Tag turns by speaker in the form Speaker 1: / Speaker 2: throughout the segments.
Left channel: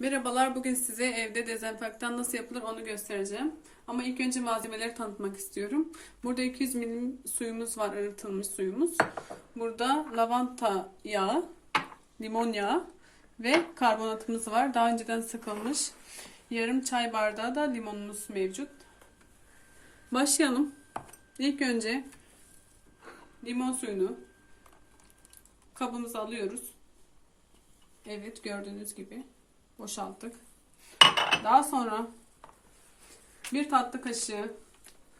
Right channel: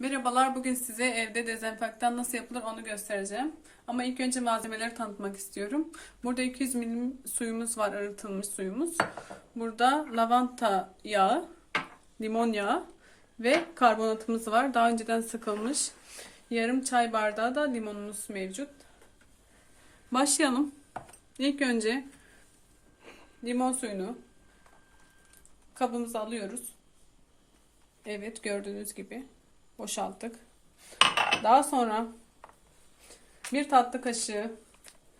Speaker 1: Merhabalar, bugün size evde dezenfektan nasıl yapılır onu göstereceğim. Ama ilk önce malzemeleri tanıtmak istiyorum. Burada 200 milim suyumuz var, arıtılmış suyumuz. Burada lavanta yağı, limon yağı ve karbonatımız var. Daha önceden sıkılmış. Yarım çay bardağı da limonumuz mevcut. Başlayalım. İlk önce limon suyunu kabımıza alıyoruz. Evet gördüğünüz gibi boşalttık. Daha sonra bir tatlı kaşığı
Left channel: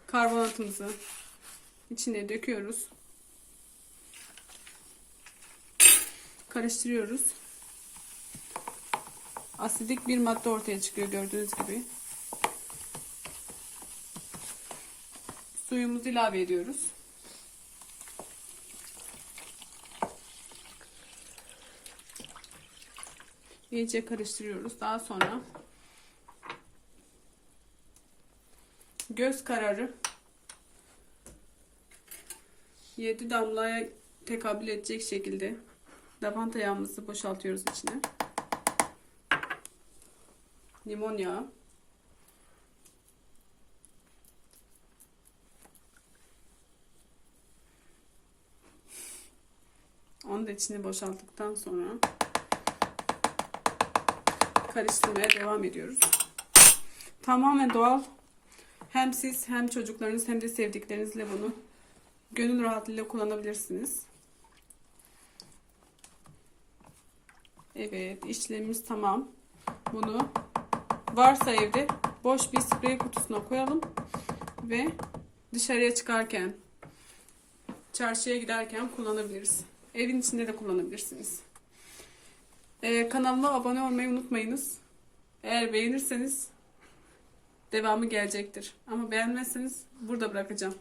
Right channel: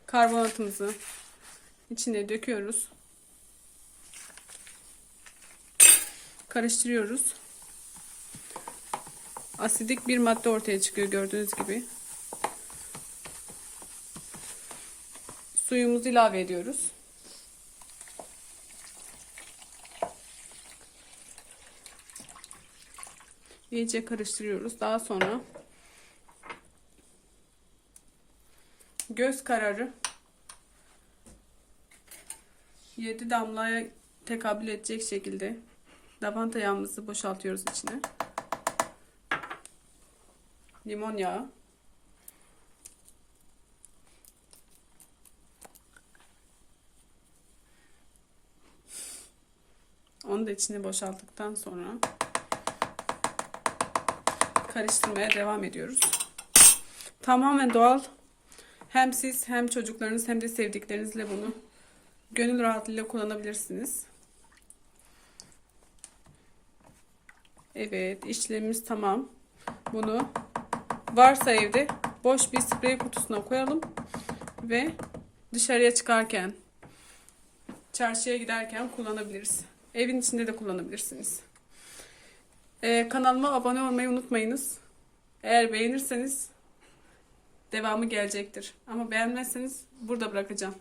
Speaker 1: karbonatımızı içine döküyoruz. Karıştırıyoruz. Asidik bir madde ortaya çıkıyor gördüğünüz gibi. Suyumuzu ilave ediyoruz. İyice karıştırıyoruz. Daha sonra göz kararı 7 damlaya tekabül edecek şekilde lavanta yağımızı boşaltıyoruz içine. Limon yağı. Onu da içine boşalttıktan sonra karıştırmaya devam ediyoruz. Tamamen doğal. Hem siz hem çocuklarınız hem de sevdiklerinizle bunu gönül rahatlığıyla kullanabilirsiniz. Evet işlemimiz tamam. Bunu varsa evde boş bir sprey kutusuna koyalım ve dışarıya çıkarken çarşıya giderken kullanabiliriz. Evin içinde de kullanabilirsiniz. Ee, kanalıma abone olmayı unutmayınız. Eğer beğenirseniz devamı gelecektir. Ama beğenmezseniz burada bırakacağım.